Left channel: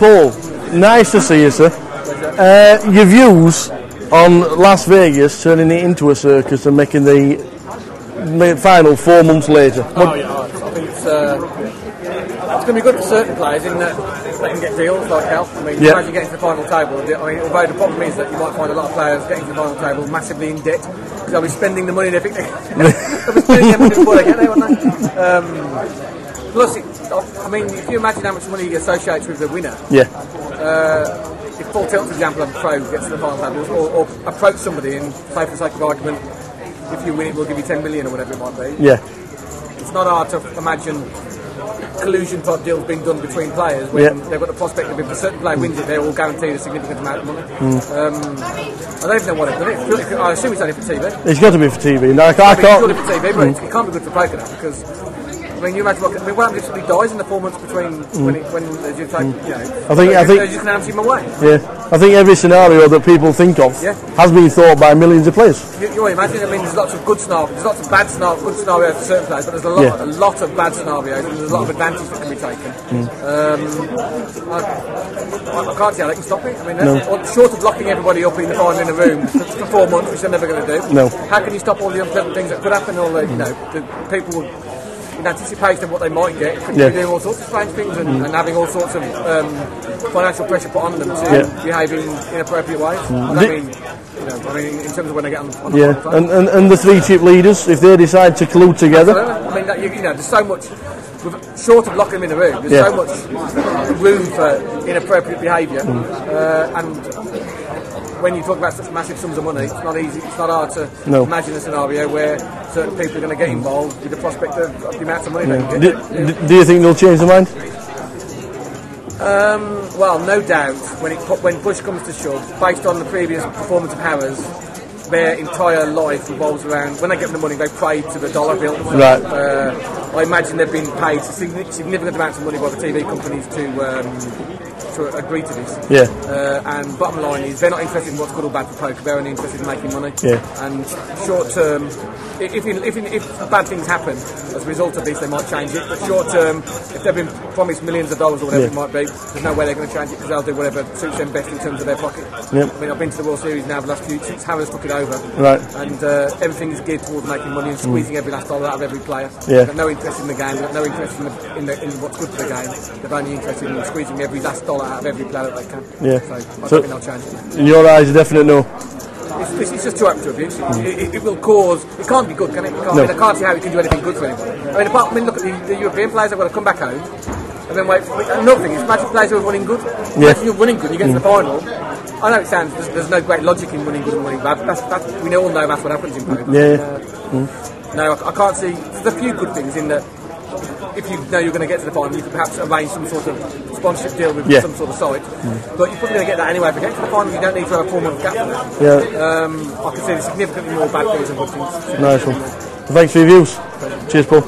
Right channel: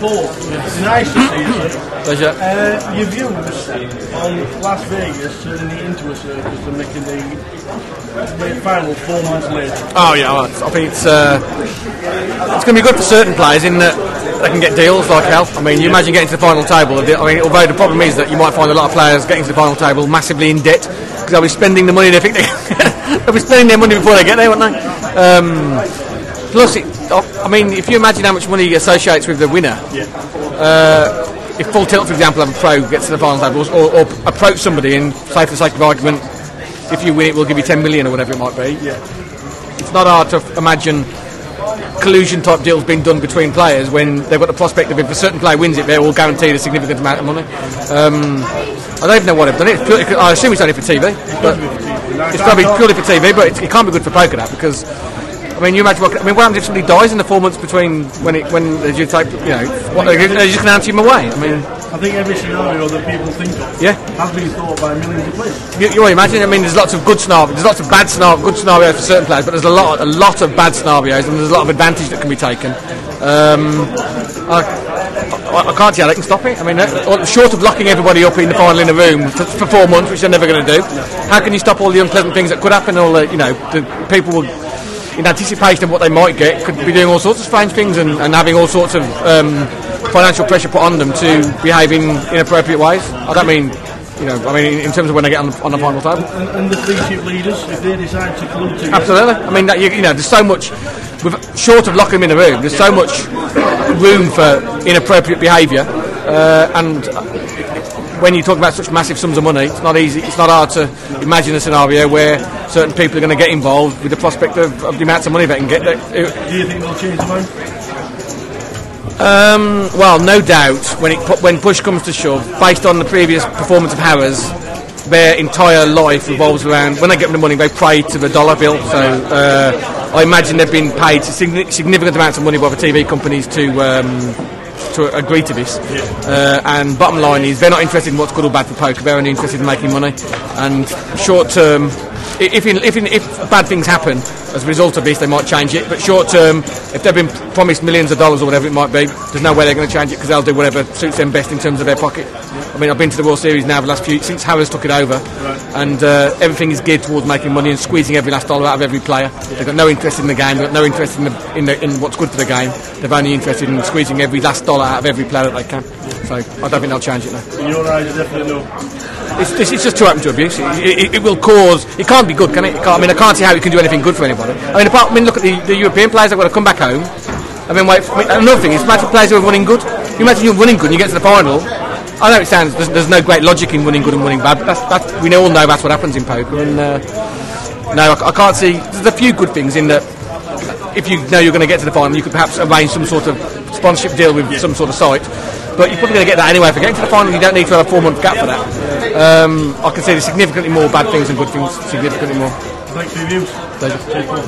Paul, nice to see you, sir. Pleasure. Your views on Las Vegas turning it into a circus and making the final 4 months later? Oh yeah, I think it's going to be good for certain players in that they can get deals like hell. I mean, you imagine getting to the final table. I mean, although the problem is that you might find a lot of players getting to the final table massively in debt because they'll be spending the money they think they'll be spending their money before they get there, won't they? Plus, I mean, if you imagine how much money associates with the winner. Yeah. If Full Tilt, for example, have a pro gets to the final table, or approach somebody and say, for the sake of argument, if you win it, we'll give you 10 million or whatever it might be. Yeah. It's not hard to imagine collusion type deals being done between players when they've got the prospect of if a certain player wins it, they're all guaranteed a significant amount of money. I don't even know what they've done it. I assume it's only for TV. It's got to be for TV. No, it's got to be purely for TV, but it can't be good for poker now because. I mean, you imagine what happens if somebody dies in the 4 months between when you take, they're just going to answer him away. I mean, I think every scenario that people think of has been thought by millions of players. You imagine, I mean, there's lots of good scenarios, there's lots of bad scenarios, good scenarios for certain players, but there's a lot of bad scenarios, and there's a lot of advantage that can be taken. I can't see how they can stop it. I mean, short of locking everybody up in the final in a room for 4 months, which they're never going to do. No. How can you stop all the unpleasant things that could happen? All the, the people will. In anticipation of what they might get, could be doing all sorts of strange things and having all sorts of financial pressure put on them to behave in inappropriate ways. I don't mean, in terms of when they get on the final table. And the 3 chip leaders, if they decide to collude together. Absolutely. I mean, there's so much, short of locking them in a room, there's so much room for inappropriate behaviour, and when you talk about such massive sums of money, it's not easy. It's not hard to imagine a scenario where certain people are going to get involved with the prospect of the amounts of money they can get. Do you think they'll change their mind? Well, no doubt. When push comes to shove, based on the previous performance of Harris, their entire life revolves around when they get them the money, they pray to the dollar bill. So I imagine they've been paid significant amounts of money by the TV companies to agree to this. And bottom line is they're not interested in what's good or bad for poker, they're only interested in making money. And short term, if bad things happen as a result of this, they might change it, but short term, if they've been promised millions of dollars or whatever it might be, there's no way they're going to change it because they'll do whatever suits them best in terms of their pocket. I mean, I've been to the World Series now the last since Harris took it over, and everything is geared towards making money and squeezing every last dollar out of every player. They've got no interest in the game, they've got no interest in what's good for the game. They're only interested in squeezing every last dollar out of every player that they can. So I don't think they'll change it now. In your eyes, a definite no. It's just too open to abuse. It will cause. It can't be good, can it? I mean, I can't see how it can do anything good for anybody. I mean, look at the European players that have got to come back home. I mean, another thing is, imagine players who are running good. Imagine you're running good and you get to the final. I know it sounds there's no great logic in running good and running bad, but we all know that's what happens in poker. No, I can't see. There's a few good things in that. If you know you're going to get to the final, you could perhaps arrange some sort of sponsorship deal with some sort of site. But you're probably going to get that anyway. For getting to the final, you don't need to have a 4-month gap for that. I can see there's significantly more bad things than good things. Significantly more. Thanks for your views. Pleasure. Cheers, Paul.